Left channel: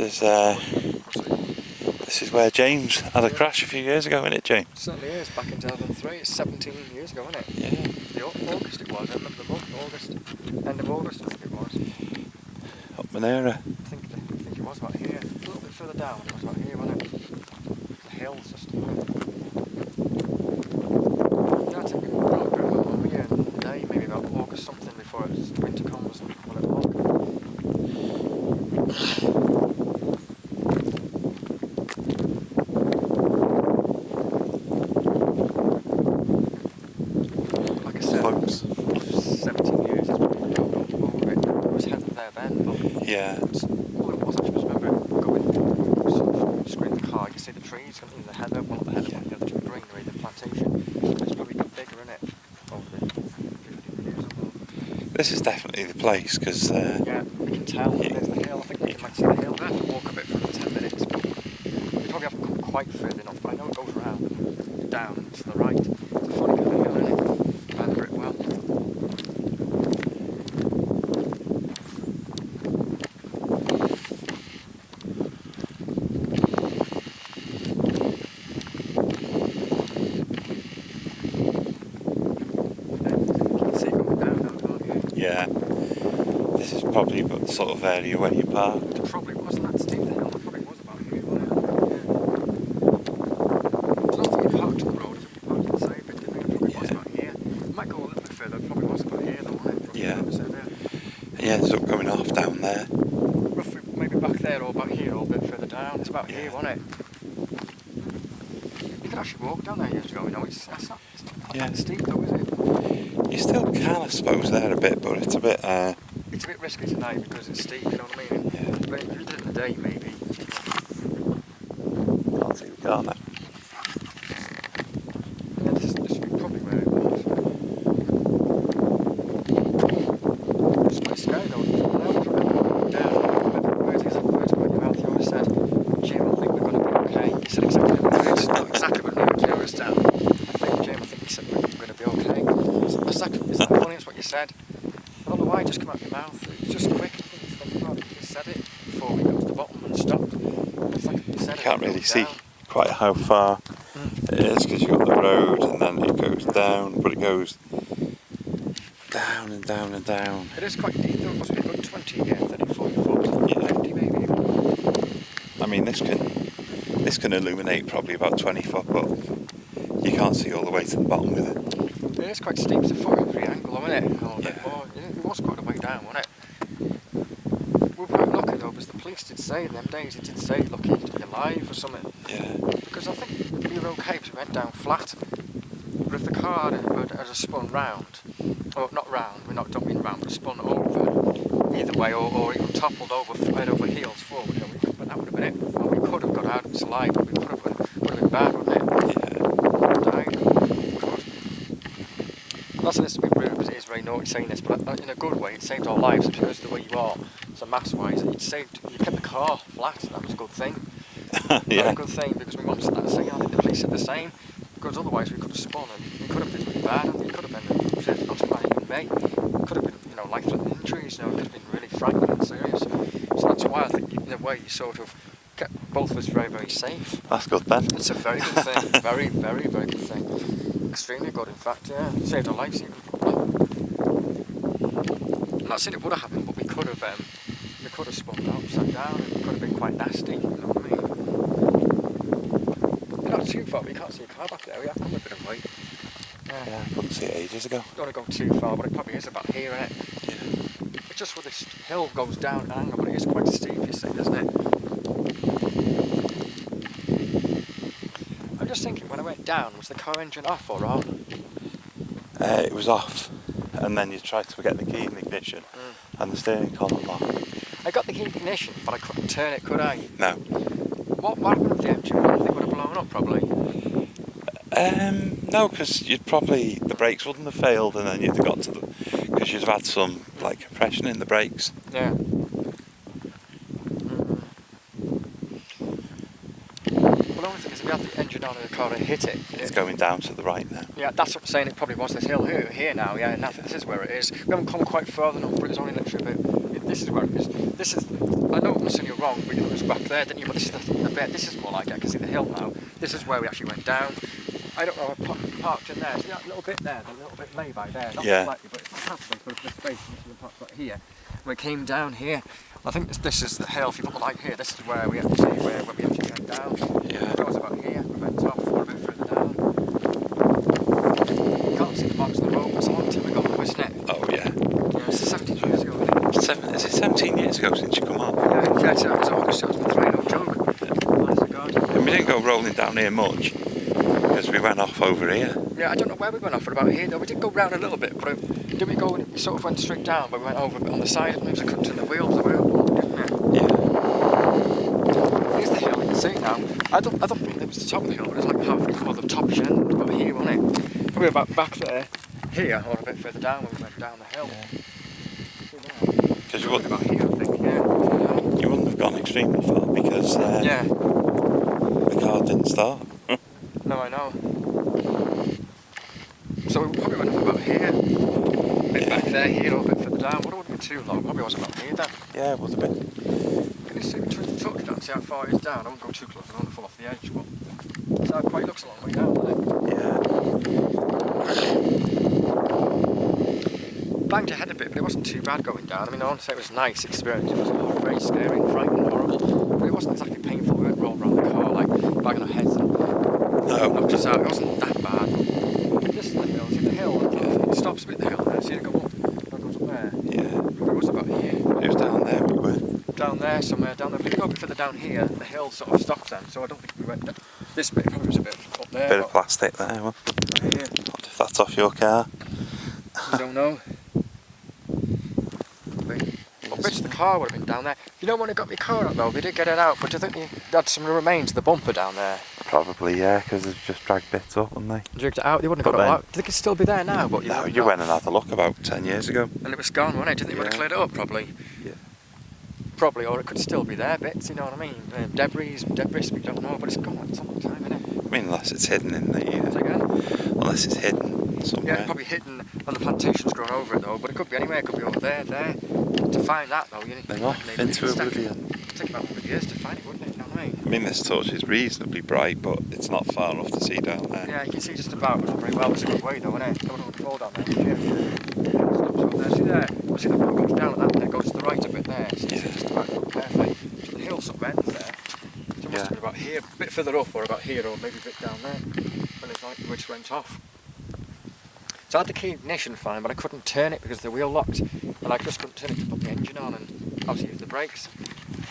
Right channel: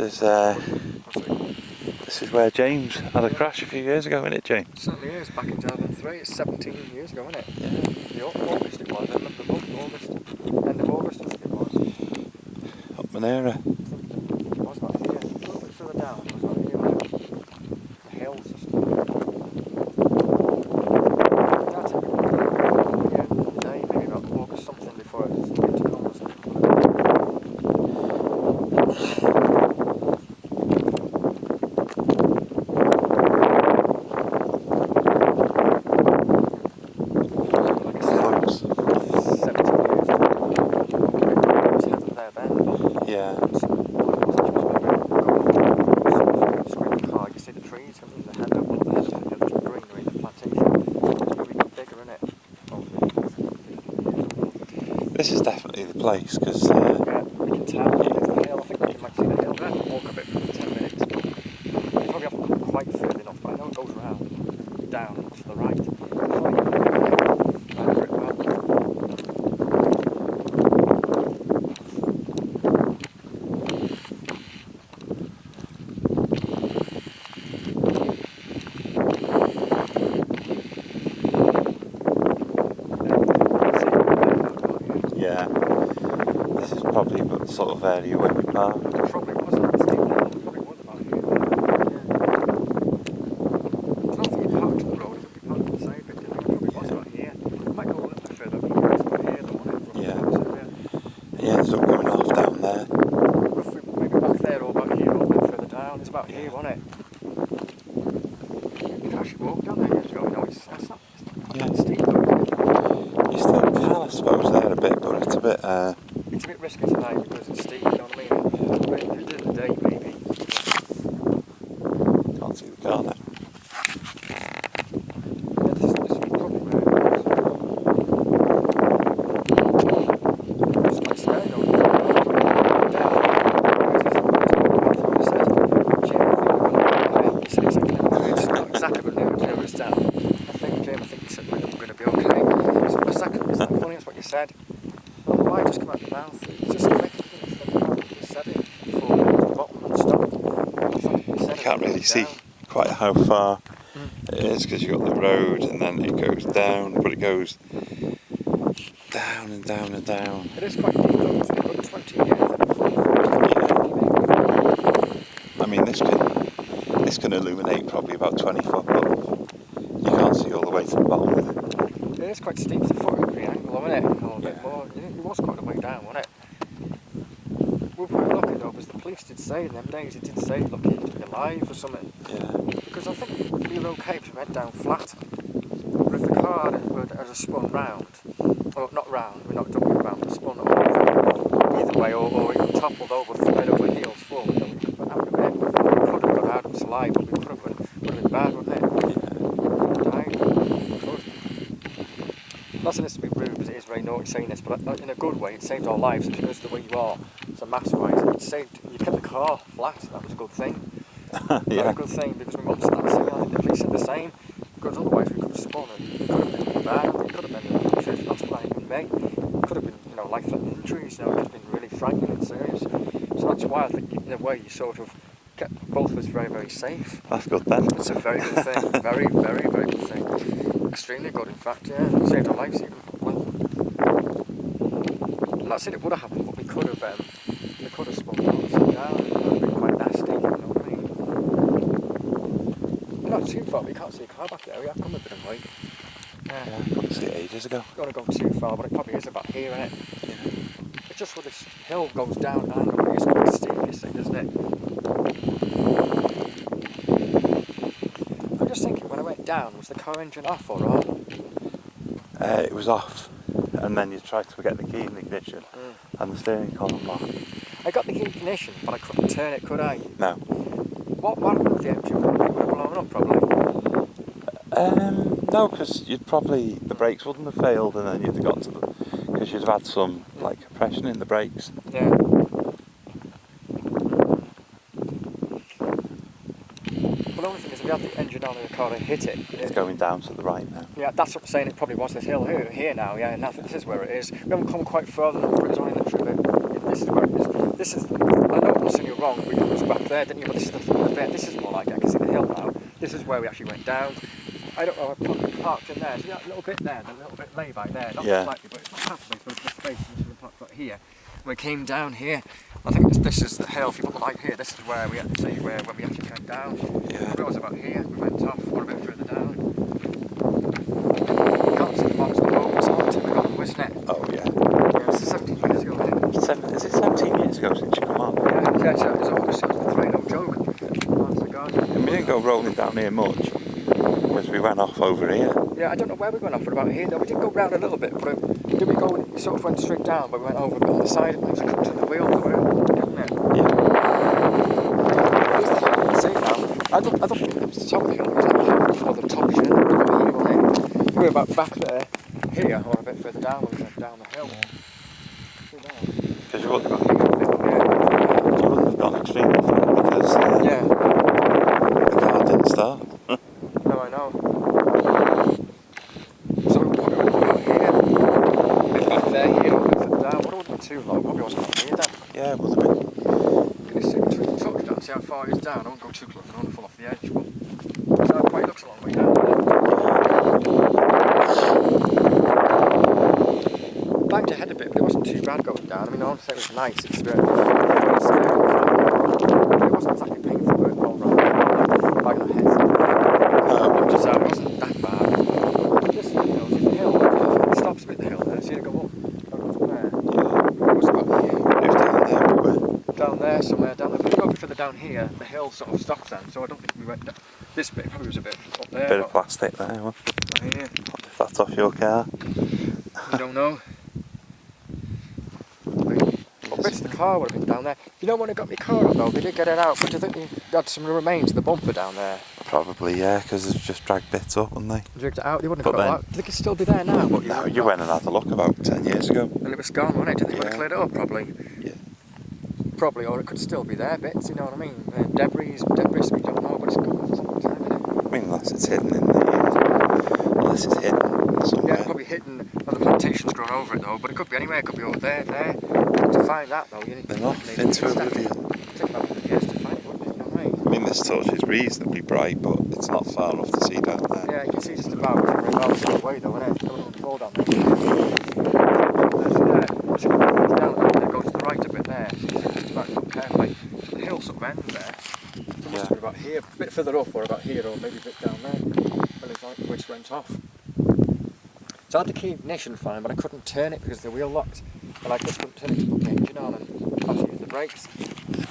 This is where James had a crash a few years ago, isn't it, James? It certainly is, back in 2003. It's 17 years ago, isn't it? Yeah. August it was, I remember the month, August. End of August, I think it was. Up Minera. I think it was about here. A little bit further down, it was about here, wasn't it? The hills just. Yeah, I think maybe about August something before it started to come or something. Yeah. Screen car, you see the trees in the head of one of the heads of the greenery, the plantation. It's probably bigger, isn't it? This is definitely the place because. Yeah, you can tell. There's the hill. I think we might see the hill. We'll have to walk a bit for 10 minutes, but we probably haven't come quite further enough. But I know it goes around down to the right. It's a funny Yeah, this is probably the sort of area where you park. It probably was that state then. It probably was about here. It's not the Hartwell Road, it's the park inside, but it was about here. It might go a little bit further, but it's about here though. Yeah. Yeah, it's up going off down there. Roughly maybe back there or back here or a bit further down. It's about here, wasn't it? You can actually walk down there years ago. No, it's not that steep though, is it? You still can, I suppose, there a bit, but it's a bit. It's a bit risky tonight because it's steep, you know what I mean? Yeah. But if you did it in the day, maybe. Can't see the car now. Yeah, this is probably where it was. It's quite scary though. Down. He said, Jim, I think we're going to be okay. He said exactly what the killer is down. I think he said we're going to be okay. Is that funny? That's what you said. I don't know why it just came out of your mouth. It's just quick. You said it before it got to the bottom and stopped. You can't really see quite how far it is because you've got the road and then it goes down, but it goes down and down and down. It is quite deep though. It must be about 20 yards and 40 I mean, this can illuminate probably about 20 foot, but you can't see all the way to the bottom with it. It is quite steep. It's a 43 angle, isn't it? A little bit more. It was quite a way down, wasn't it? We were quite lucky though, because the police did say in them days, it did say lucky to be alive or something. Yeah. Because I think we were okay because we went down flat. But if the car had spun round, or not round, we're not dumping round, but spun over either way, or even toppled over, right over heels forward, that would have been it. We could have got out and slide, but it would have been bad, wouldn't it? Not saying this to be rude because it is very naughty saying this, but in a good way, it saved our lives because the way you are, so mass-wise, you kept the car flat. That was a good thing. Yeah. A good thing because my mum said the same. I think the police said the same. Because otherwise we could have spun and it could have been bad. It could have been that's what even me. It could have been life-threatening injuries. It could have been really frightening and serious. So that's why I think in a way you sort of kept both of us very, very safe. That's good then. It's a very good thing. Very, very, very good thing. Extremely good, in fact, yeah. Saved our lives even. I'm not saying it would have happened, but we could have spun upside down. It could have been quite nasty, you know what I mean? We're not too far, we can't see a car back there. We have come a bit of way. Yeah, I couldn't see it ages ago. Don't want to go too far, but it probably is about here, isn't it? Yeah. It's just where this hill goes down and it's quite steep, you see, isn't it? I'm just thinking, when I went down, was the car engine off or on? It was off, and then you tried to get the key in the ignition, and the steering column locked. I got the key ignition, but I couldn't turn it, could I? No. What happened with the engine? It would have blown up, probably. No, because the brakes wouldn't have failed, and then you'd have got to because you'd have had some compression in the brakes. Yeah. Well, the only thing is, if you had the engine on in the car and hit it, It's going down to the right now. Yeah, that's what I'm saying. It probably was this hill here now. Yeah, and I think this is where it is. We haven't come quite far enough, but it's only literally a bit. This is where it is. This is. I know it saying you're wrong, but it was back there, didn't you? But this is the bit, this is more like it, because it's the hill now. This is where we actually went down. I don't know, I parked in there. See that little bit there, the little bit lay by there, not slightly, but it's halfway through the space, and we parked right here. We came down here. I think this is the hill. If you put the light here, this is where we actually went down. Yeah. It was about here. We went off. We're a bit further down. You can't see the marks of the road. It's on to the gone, isn't it? Oh yeah. This is 17 years ago, I think. Is it 17 years ago since you come on? Yeah, it was August 2003. No joke. Honest to God. And we didn't go rolling down here much because we went off over here. Yeah, I don't know where we went off, but about here though. We did go round a little bit, but did we go? We sort of went straight down, but we went over a bit on the side, and it was cut to the wheels, didn't it? Yeah. Where's the hill? You see now? I thought it was the top of the hill. It was like half or the top hill. Over here, wasn't it? We were about back there, here, or a bit further down. We went down the hill. Because you wouldn't have gone extremely far because the car didn't start. No, I know. So we put it over here. Back there, here, a bit further down. What would have been too low? Probably wasn't going to need that. Yeah, it would have been. Can you see the truck down? See how far it is down? I won't go too close. I don't want to fall off the edge. But that quite looks a long way down there. Banged ahead a bit, but it wasn't too bad going down. I mean, I want to say it was a nice experience. It was very scary and frightening. But it wasn't exactly painful. We weren't rolling around the car, like banging our heads. No. It wasn't that bad. Just, you know, it was the hill. It stops a bit the hill, and then see it go up. It goes up there. Yeah. It was about here. It was down there, but we're... Down there somewhere, down there. If we go a bit further down here, the hill sort of stops then, so I don't think we went down. This bit probably was a bit up there. Bit of plastic there. Well, right here. what if that's off your car? I don't know. What bits of the car would have been down there? You know when I got my car up though, we did get it out, but do you think they had some remains of the bumper down there? Probably, yeah, because they've just dragged bits up, haven't they? Dragged it out, they wouldn't have got it out. Do you think it'd still be there now? But No, you went and had a look about 10 years ago. And it was gone, wasn't it? Do you think they would have cleared it up? Probably. Yeah. Probably, or it could still be there bits, you know what I mean? Debris, we don't know, but it's gone for some time, isn't it? I mean, unless it's hidden in the... Unless it's hidden somewhere. Yeah, probably hidden, and the plantation's grown over it though, but it could be anywhere, it could be over there. To find that though, you need They're off into oblivion. It'd take about years to find it, wouldn't it? You know what I mean? I mean, this torch is reasonably bright, but it's not far enough to see down there. Yeah, you can see just about the same way though, isn't it? Don't want to fall down there. See the road goes down that way, it goes to the right a bit there, so you just about to look carefully. So the hill sort of ends there. So it must have been about here, a bit further up, or about here, or maybe a bit down there, when it's like which went off. So I had the key ignition fine, but I couldn't turn it because the wheel locked, and I just couldn't turn it to put the engine on and obviously use the brakes.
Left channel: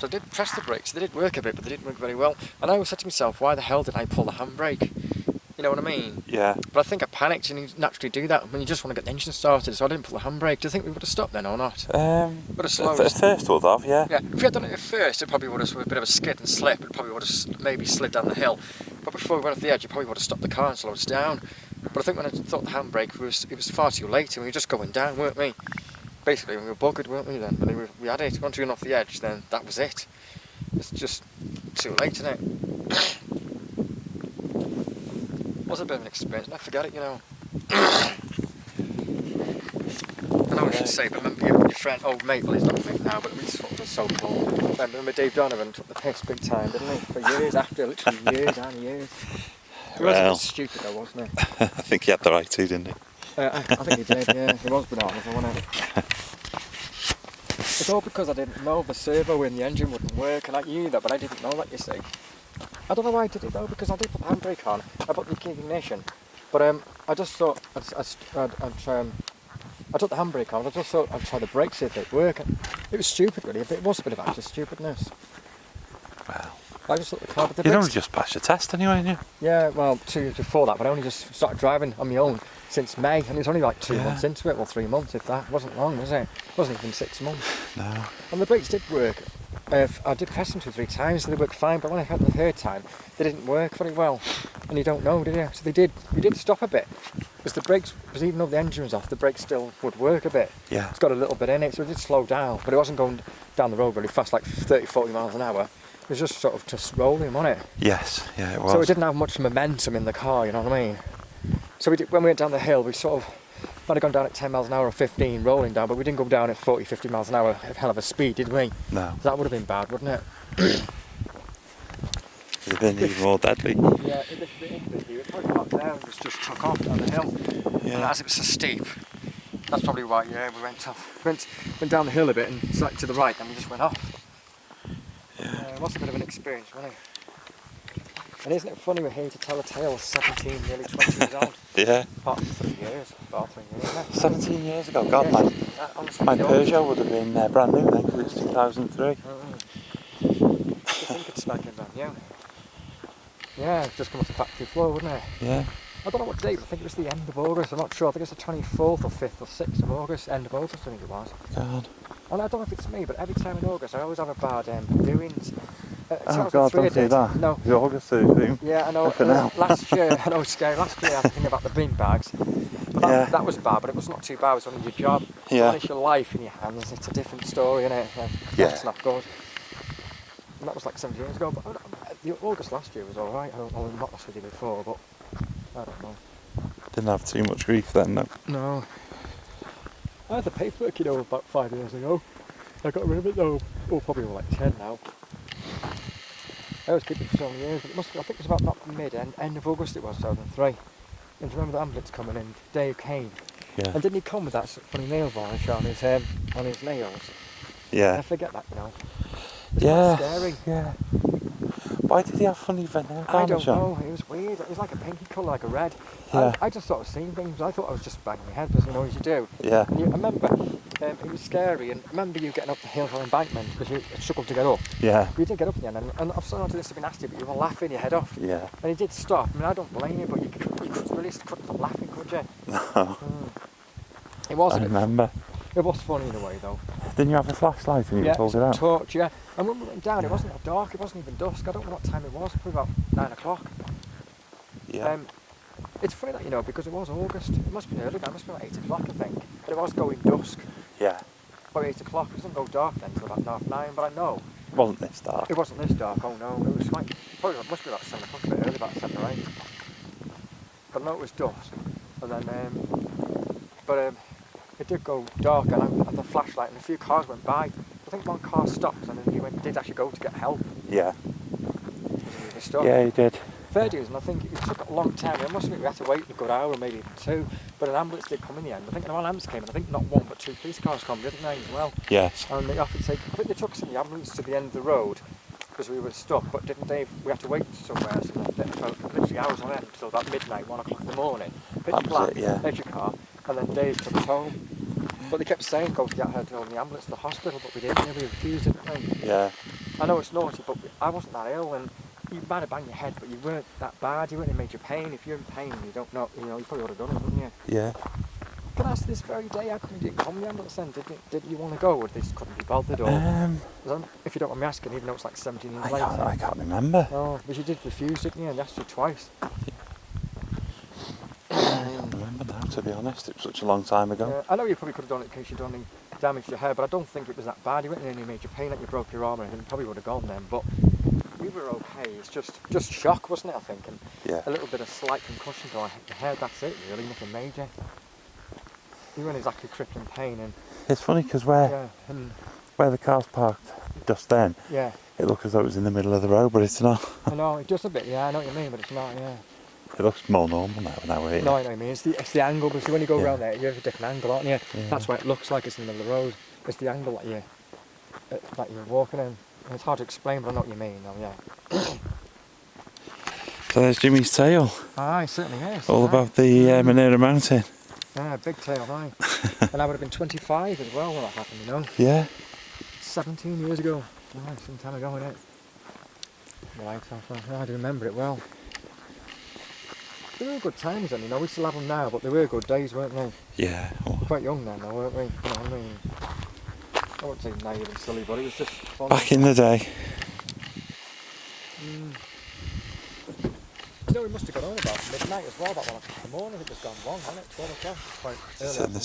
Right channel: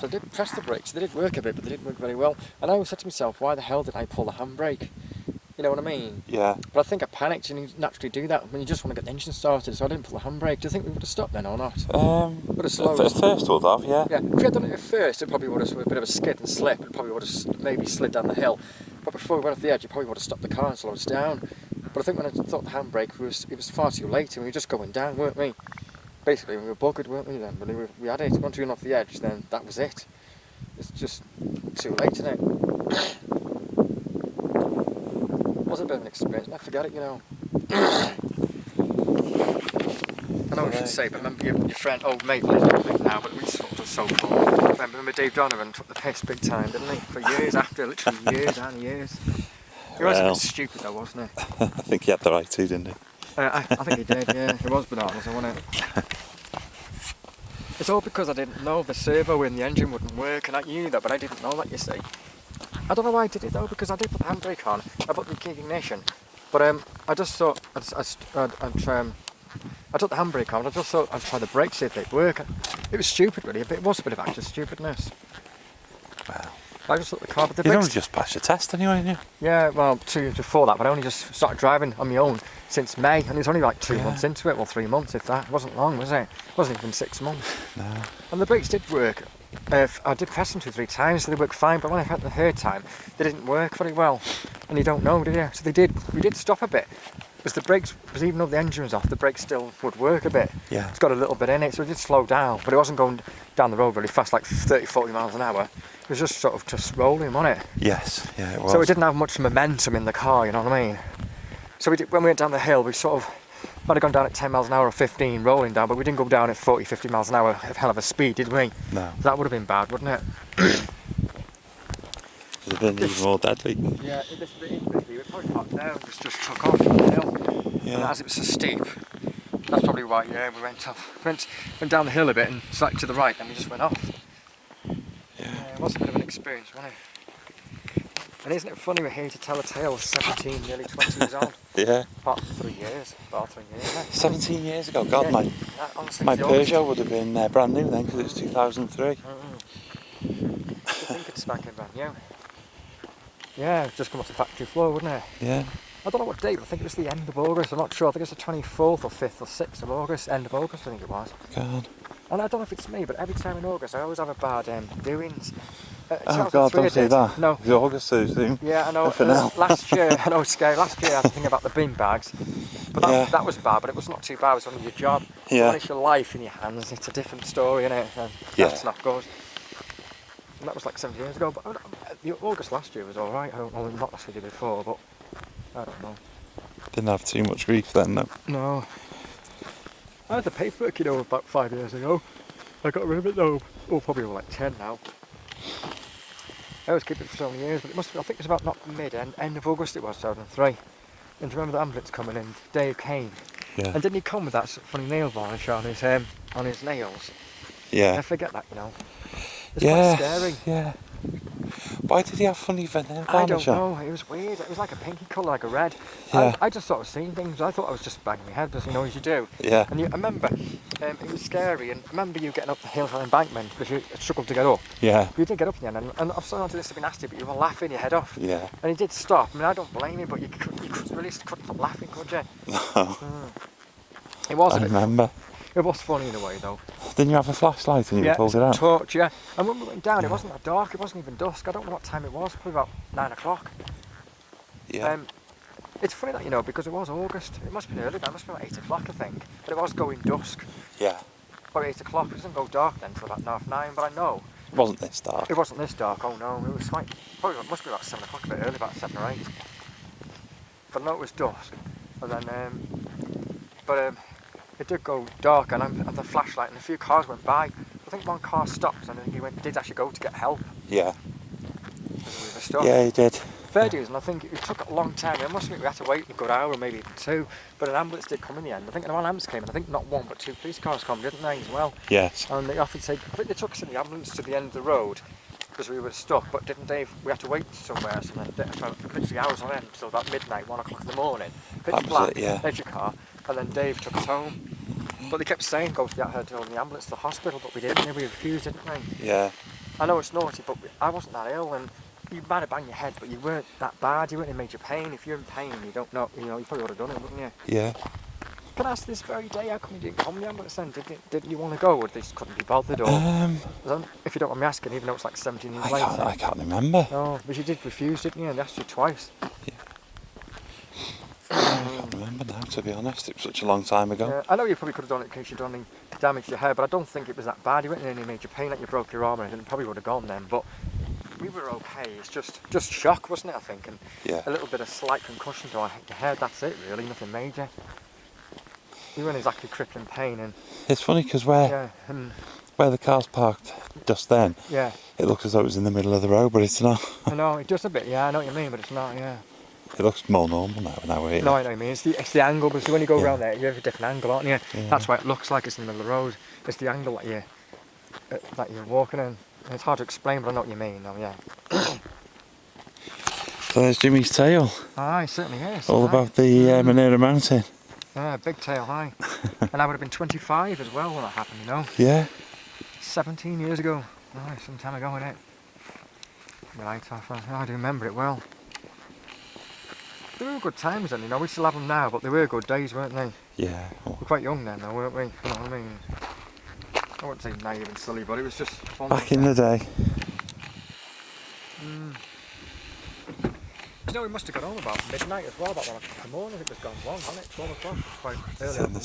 So I did press the brakes, they did work a bit, but they didn't work very well. And I always said to myself, why the hell did I pull the handbrake? You know what I mean? Yeah. But I think I panicked, and you naturally do that when you just want to get the engine started, so I didn't pull the handbrake. Do you think we would have stopped then or not? At slowed. first would have, yeah. Yeah, if we had done it at first, it probably would have been a bit of a skid and slip. It probably would have maybe slid down the hill. But before we went off the edge, it probably would have stopped the car and slowed us down. But I think when I thought the handbrake, it was far too late, and we were just going down, weren't we? Basically, we were buggered, weren't we then? When we had it, once we went off the edge, then that was it. It's just too late, isn't it? It was a bit of an experience, I forget it, you know. I know what I should say, but remember your friend, old mate, well he's not a mate now, but we sort of was so cool. Remember Dave Donovan took the piss big time, didn't he? For years after, literally years and years. He was a bit stupid though, wasn't he? I think he had the right to, didn't he? I think he did, yeah. He was bananas, wasn't it? It's all because I didn't know the servo in the engine wouldn't work, and I knew that, but I didn't know that, you see. I don't know why I did it though, because I did put the handbrake on. I put the key ignition, but I just thought I took the handbrake on. I just thought I'd try the brakes, see if they'd work. It was stupid, really. It was a bit of active stupidness. Well, I just thought the car, but the you'd brakes. only just passed your test anyway, didn't you? Yeah, well, 2 years before that, but I only just started driving on my own since May, and it was only like 2 months into it, well 3 months if that. It wasn't long, was it? It wasn't even 6 months. No. And the brakes did work. I did press them 2 or 3 times, so they worked fine, but when I had them the third time, they didn't work very well. And you don't know, do you? So we did stop a bit. Because the brakes, even though the engine was off, the brakes still would work a bit. Yeah. It's got a little bit in it, so it did slow down, but it wasn't going down the road really fast, like 30, 40 miles an hour. It was just sort of just rolling, wasn't it? Yes, yeah, it was. So it didn't have much momentum in the car, you know what I mean? So when we went down the hill, we sort of Might have gone down at 10 miles an hour or 15 rolling down, but we didn't go down at 40, 50 miles an hour at hell of a speed, did we? No. That would have been bad, wouldn't it? It'd have been even more deadly. Yeah, if this bit English, it probably got down, just took off on the hill. Yeah. As it was so steep. That's probably why, yeah, we went off. Went down the hill a bit and slightly to the right, and we just went off. Yeah. It was a bit of an experience, wasn't it? And isn't it funny we're here to tell a tale of 17, nearly 20 years old? Yeah. About 3 years. About 3 years. Isn't it? 17 years ago. God, Yeah. my Honestly, my it's yours. Peugeot would have been brand new then because it's 2003. To think it's smacking brand new. Yeah, it's just come off the factory floor, wouldn't it? Yeah. I don't know what date, but I think it was the end of August. I'm not sure. I think it's the 24th or 5th or 6th of August. End of August, I think it was. God. And I don't know if it's me, but every time in August I always have a bad doings. Oh God, don't say that. No. It's August so soon. Yeah, I know. Nothing else. Last year, I know it's scary. Last year I had to think about the bin bags. But that, Yeah. that was bad, but it was not too bad. It was only your job. Yeah. When it's your life in your hands, it's a different story, innit? Yeah. That's not good. And that was like 7 years ago. But August last year was alright. I don't know, not last year before, but I don't know. Didn't have too much grief then though. No. I had the paperwork, about 5 years ago. I got rid of it though. Oh, probably like 10 now. I always keep it for so many years, but it must be, I think it was about not end of August it was, 2003. And do you remember the ambulance coming in? Dave came. Yeah. And didn't he come with that funny nail varnish on his nails? I Yeah. forget that now. It's Yeah. quite scary. Yeah. Why did he have funny nail I varnish don't on? know, it was weird. It was like a pinky colour, like a red. Yeah. I just sort of seen things. I thought I was just banging my head, as you do. Yeah. And I remember, it was scary, and I remember you getting up the hill on embankment because you struggled to get up. Yeah. You didn't get up in the end, and I'm sorry to this to be nasty, but you were laughing your head off. Yeah. And he did stop. I mean, I don't blame you, but you couldn't stop laughing, could you? No. It was. I remember. It was funny in a way, though. Didn't you have a flashlight and you pulled it out? Torch, yeah. And when we went down, it wasn't that dark. It wasn't even dusk. I don't know what time it was. Probably about 9 o'clock. Yeah. It's funny that, because it was August. It must have been early. It must have been about 8 o'clock, I think. But it was going dusk. Yeah. About 8 o'clock. It doesn't go dark then till about 9. But I know It wasn't this dark. it wasn't this dark. Oh no, it was like probably must be about 7 o'clock, a bit early, about 7 or 8. But I know it was dusk. And then, it did go dark, and I had the flashlight, and a few cars went by. I think one car stopped, and then he did actually go to get help. Yeah. With the stuff. Yeah, he did. Fair dues, and I think it took a long time. It must admit we had to wait a good hour, or maybe even 2. But an ambulance did come in the end. I think an ambulance came, and I think not 1 but 2 police cars come, didn't they, as well? Yes. And they offered to take. I think they took us in the ambulance to the end of the road because we were stuck. But didn't Dave? We had to wait somewhere. So literally hours on end until about midnight, 1 o'clock in the morning. Pitch That was black. it, yeah. There's your car, and then Dave took us home. But they kept saying go to get her in the ambulance to the hospital, but we didn't. We refused, didn't we? Yeah. I know it's naughty, but I wasn't that ill, and you might have banged your head, but you weren't that bad. You weren't in major pain. If you're in pain, you don't know. You probably would have done it, wouldn't you? Yeah. But as this very day, how come you didn't come to the ambulance then? Didn't you want to go, or they just couldn't be bothered? Or if you don't mind me asking, even though it's like 17 years later. I can't remember. No, but you did refuse, didn't you? And they asked you twice. I can't remember now, to be honest. It was such a long time ago. Yeah, I know you probably could have done it in case you'd done any damage to your hair, but I don't think it was that bad. You weren't in any major pain, like you broke your arm, and it probably would have gone then. But we were okay. It's just shock, wasn't it? I think, and Yeah. a little bit of slight concussion to the head. That's it, really. Nothing major. You weren't exactly crippling pain, and It's funny because yeah, where the car's parked just then, yeah. it looks as though it was in the middle of the road, but it's not. I know it does a bit. Yeah, I know what you mean, but it's not. Yeah. It looks more normal now we're here. No, I know what you mean. It's the angle, because when you go Yeah. around there, you have a different angle, aren't you? Yeah. That's why it looks like it's in the middle of the road. It's the angle that you're walking in. And it's hard to explain, but I know what you mean. Though, yeah. So there's Jimmy's tale, Aye, certainly is. all aye. about the Minera mountain. Ah, big tail, aye. And I would have been 25 as well when that happened, Yeah. 17 years ago. Aye, some time ago, innit? Right, I do remember it well. They were good times then, we still have them now, but they were good days, weren't they? Yeah. We're quite young then, though, weren't we? You know what I mean? I wouldn't say naive and silly, but it was just fun. Back in the day. We must have got on about midnight as well, that one. The morning, I think it was gone wrong, hadn't it? 12 o'clock, quite early.